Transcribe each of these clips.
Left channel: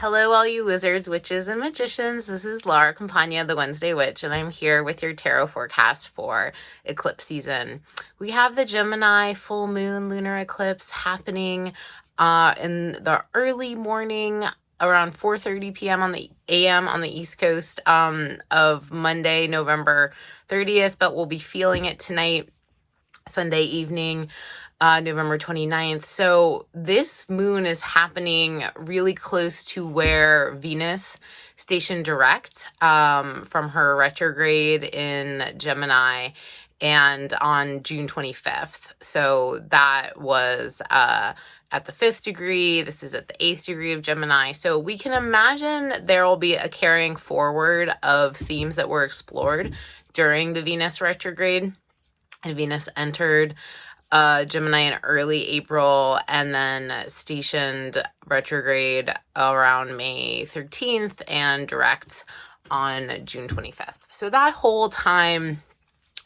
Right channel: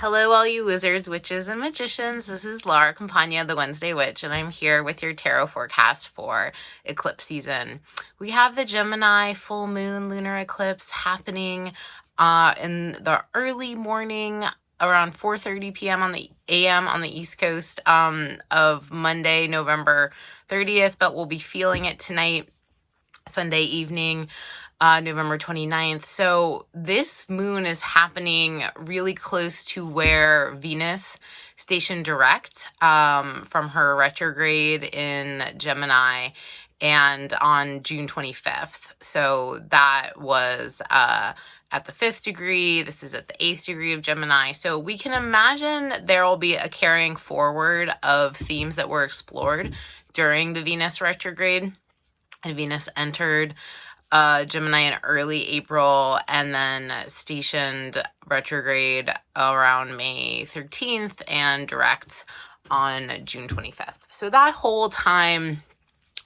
Hello, all you wizards, witches, and magicians. This is Laura Campagna, the Wednesday Witch, and I'm here with your tarot forecast for eclipse season. We have the Gemini Full Moon lunar eclipse happening in the early morning, around 4:30 p.m. on the a.m. on the East Coast of Monday, November 30th, but we'll be feeling it tonight, Sunday evening. November 29th. So this moon is happening really close to where Venus stationed direct from her retrograde in Gemini and on June 25th. So that was at the 5th degree. This is at the 8th degree of Gemini. So we can imagine there will be a carrying forward of themes that were explored during the Venus retrograde. And Venus entered Gemini in early April and then stationed retrograde around May 13th and direct on June 25th. So that whole time,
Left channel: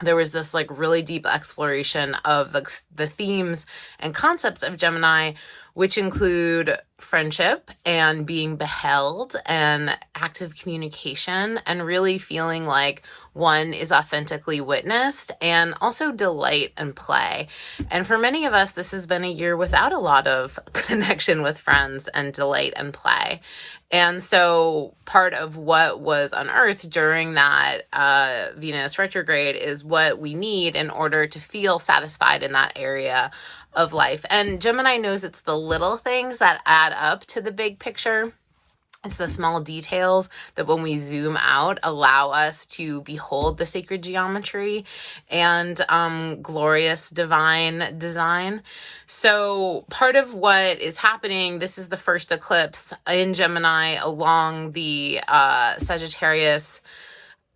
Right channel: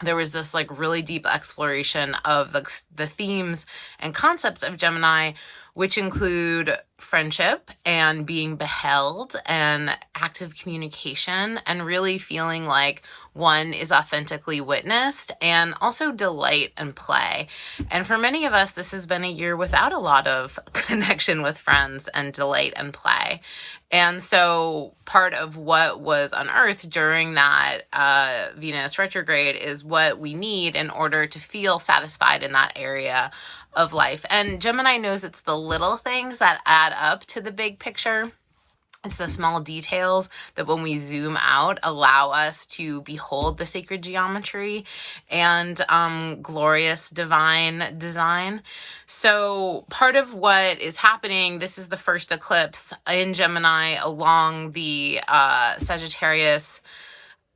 there was this really deep exploration of the themes and concepts of Gemini, which include friendship and being beheld and active communication and really feeling like one is authentically witnessed, and also delight and play. And for many of us, this has been a year without a lot of connection with friends and delight and play. And so part of what was unearthed during that Venus retrograde is what we need in order to feel satisfied in that area of life. And Gemini knows it's the little things that add up to the big picture. It's the small details that when we zoom out allow us to behold the sacred geometry and glorious divine design. So part of what is happening, this is the first eclipse in Gemini along the Sagittarius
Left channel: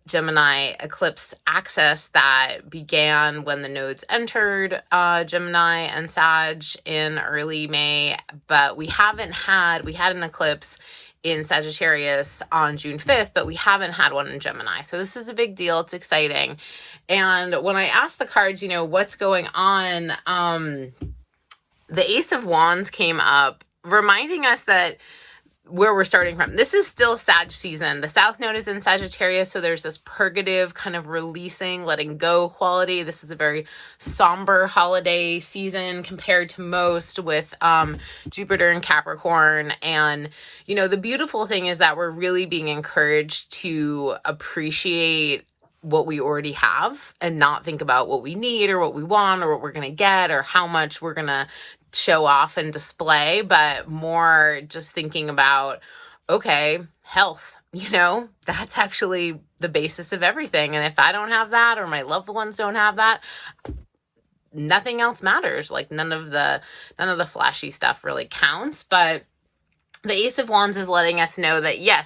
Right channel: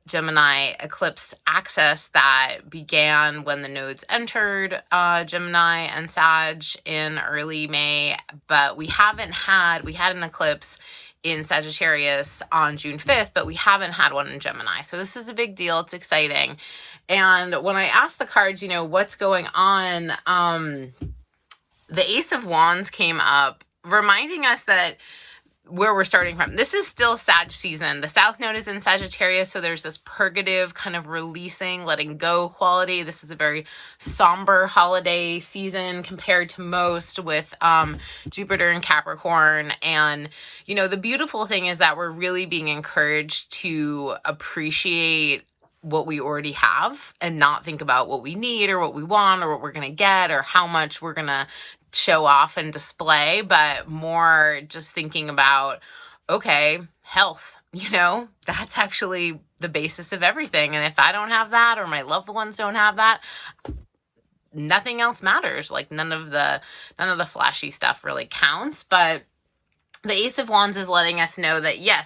Gemini eclipse axis that began when the nodes entered Gemini and Sag in early May, but we had an eclipse in Sagittarius on June 5th, but we haven't had one in Gemini. So this is a big deal. It's exciting. And when I asked the cards, what's going on, the Ace of Wands came up, reminding us that where we're starting from. This is still Sag season. The South Node is in Sagittarius, so there's this purgative kind of releasing, letting go quality. This is a very somber holiday season compared to most, with Jupiter in Capricorn. And, the beautiful thing is that we're really being encouraged to appreciate what we already have and not think about what we need or what we want or what we're going to get or how much we're going to show off and display, but more just thinking about, okay, health, that's actually the basis of everything. And if I don't have that, or my loved ones don't have that, nothing else matters. None of the flashy stuff really counts. But the Ace of Wands is letting us know that, yes,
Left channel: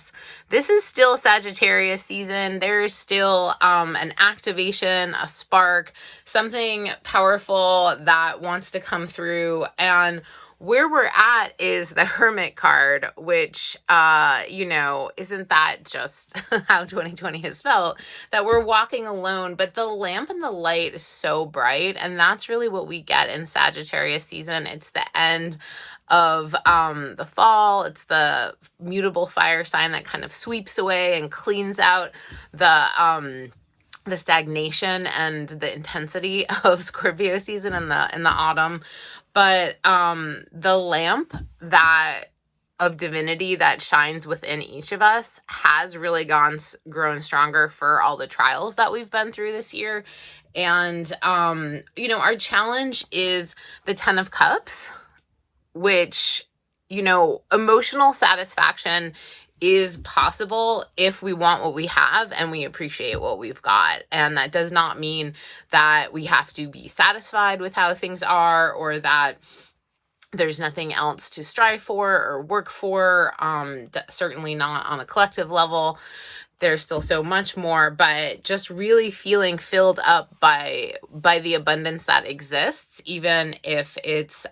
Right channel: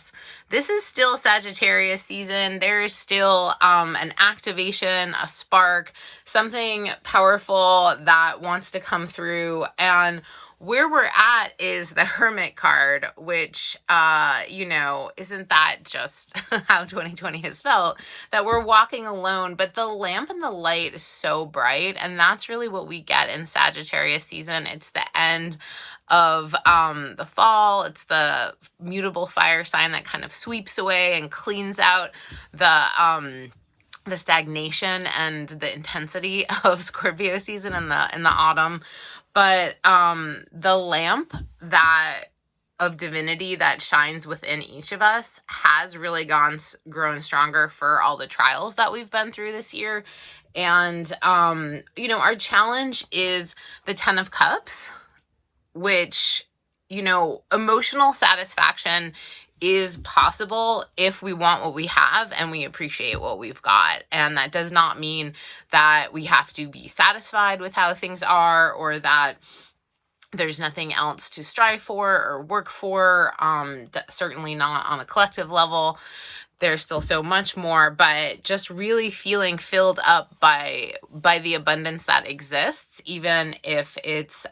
this is still Sagittarius season. There is still an activation, a spark, something powerful that wants to come through. And where we're at is the Hermit card, which, isn't that just how 2020 has felt, that we're walking alone, but the lamp and the light is so bright. And that's really what we get in Sagittarius season. It's the end of the fall. It's the mutable fire sign that kind of sweeps away and cleans out the stagnation and the intensity of Scorpio season in the autumn. But the lamp of divinity that shines within each of us has really grown stronger for all the trials that we've been through this year. And our challenge is the 10 of Cups, which, emotional satisfaction is possible if we want what we have and we appreciate what we've got. And that does not mean that we have to be satisfied with how things are, or that there's nothing else to strive for or work for. Certainly not on a collective level. There's still so much more, but just really feeling filled up by the abundance that exists, even if it's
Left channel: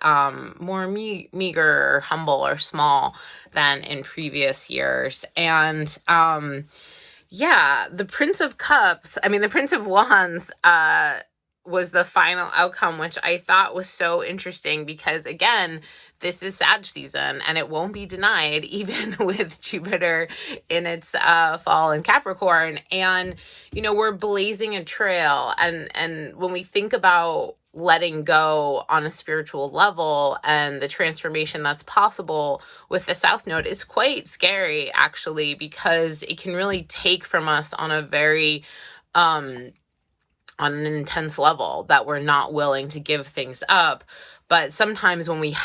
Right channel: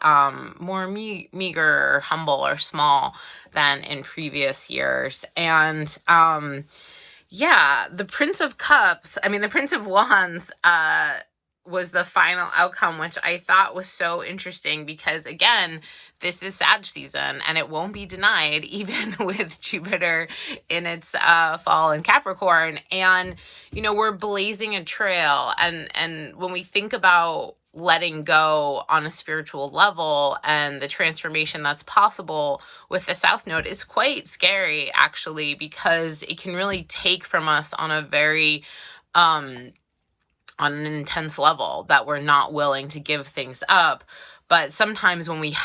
more meager or humble or small than in previous years. And the Prince of Cups, the Prince of Wands was the final outcome, which I thought was so interesting because, again, this is Sag season and it won't be denied, even with Jupiter in its fall in Capricorn. And, you know, we're blazing a trail. And when we think about letting go on a spiritual level and the transformation that's possible with the South Node, is quite scary, actually, because it can really take from us on a very on an intense level that we're not willing to give things up. But sometimes when we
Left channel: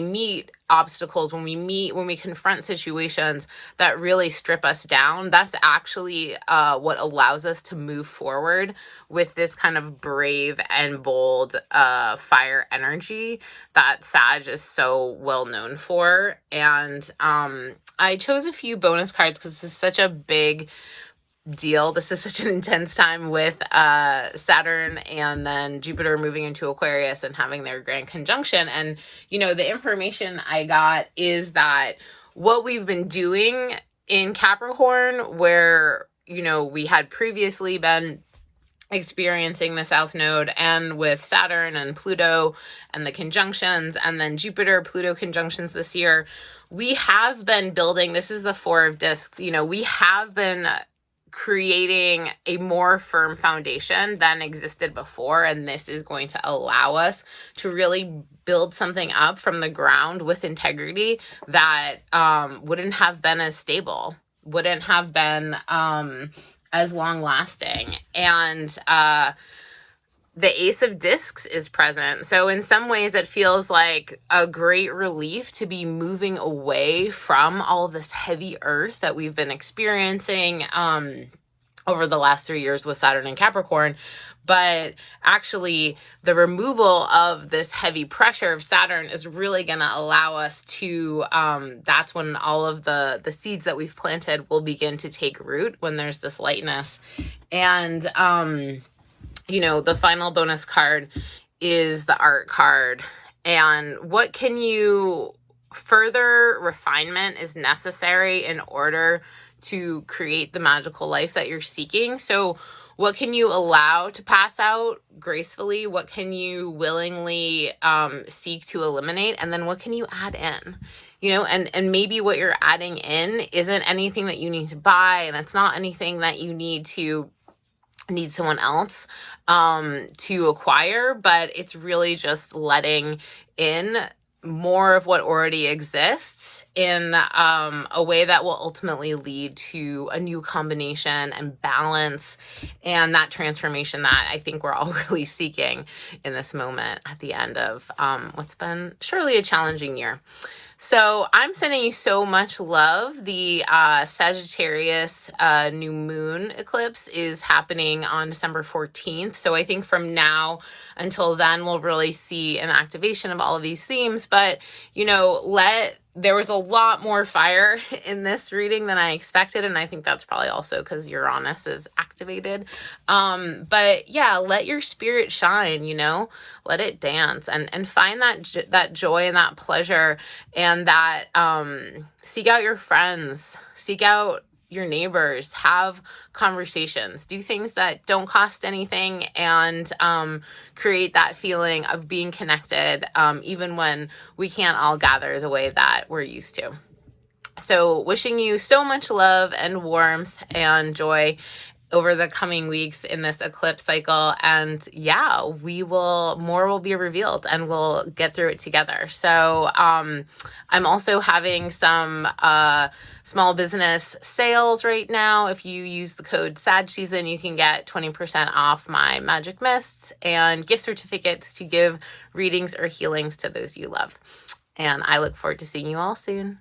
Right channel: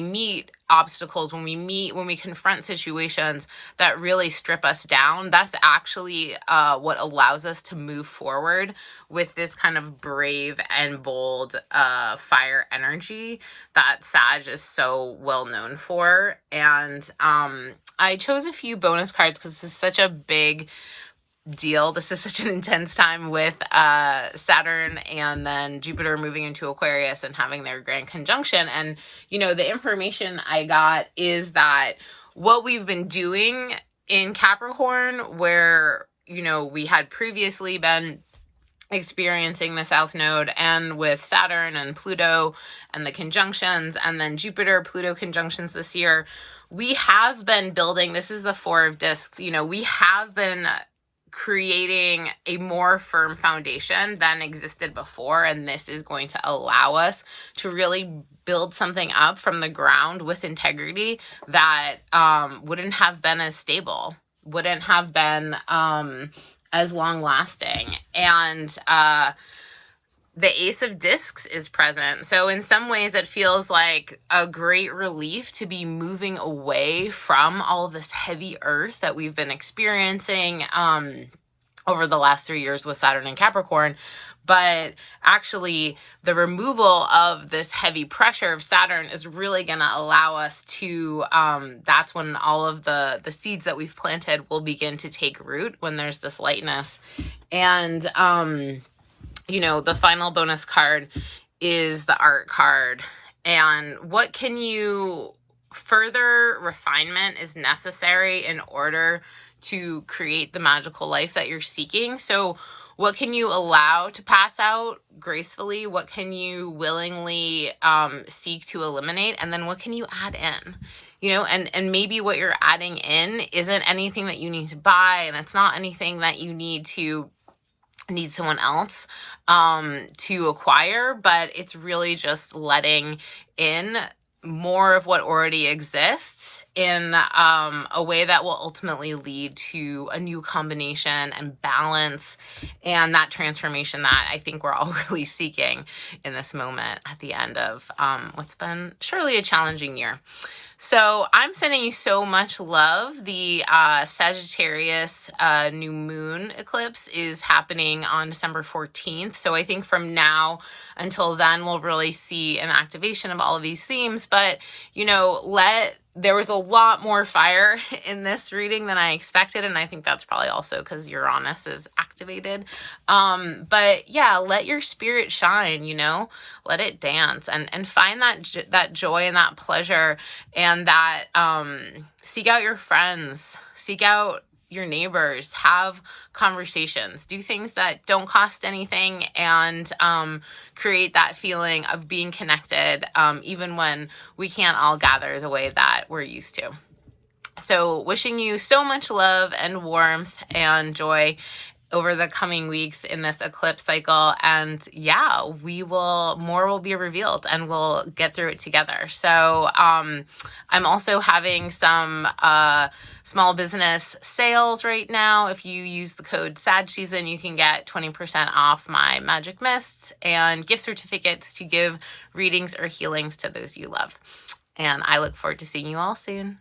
meet obstacles, when we confront situations that really strip us down, that's actually what allows us to move forward with this kind of brave and bold fire energy that Sag is so well known for. And I chose a few bonus cards because this is such a big deal. This is such an intense time with Saturn and then Jupiter moving into Aquarius and having their grand conjunction. And, you know, the information I got is that what we've been doing in Capricorn, where, you know, we had previously been experiencing the South Node, and with Saturn and Pluto and the conjunctions, and then Jupiter, Pluto conjunctions this year, we have been building, this is the Four of Discs, you know, we have been creating a more firm foundation than existed before, and this is going to allow us to really build something up from the ground with integrity that wouldn't have been as stable, wouldn't have been as long lasting. And the Ace of Discs is present. So in some ways it feels like a great relief to be moving away from all of this heavy earth that we've been experiencing over the last 3 years with Saturn and Capricorn. But actually the removal of this heavy pressure of Saturn is really going to allow us to, that's when all of the seeds that we've planted will begin to take root, when there's this lightness. And, you know, the final bonus card is the art card. And what can you, further refinement is necessary in order to create the magical life that you're seeking. So what can you allow to pass out gracefully? What can you willingly seek to eliminate? And then what can you add in? You know, and maybe what you're adding in isn't anything that you need to buy, and it's not anything that you need someone else to acquire, but it's really just letting in more of what already exists in a way that will ultimately lead to a new combination and balance, and that transformation that I think we're all really seeking in this moment at the end of what's been surely a challenging year. So I'm sending you so much love. The Sagittarius new moon eclipse is happening on December 14th. So I think from now until then, we'll really see an activation of all of these themes. But, you know, there was a lot more fire in this reading than I expected, and I think that's probably also because Uranus is activated. But yeah, let your spirit shine, you know, let it dance, and find that joy and that pleasure, and that seek out your friends, seek out your neighbors, have conversations, do things that don't cost anything, and create that feeling of being connected, even when we can't all gather the way that we're used to. So wishing you so much love and warmth and joy over the coming weeks in this eclipse cycle. And yeah, more will be revealed, and we'll get through it together. So I'm also having some small business sales right now. If you use the code SAGSEASON, you can get 20% off my magic mists and gift certificates to give readings or healings to those you love. And I look forward to seeing you all soon.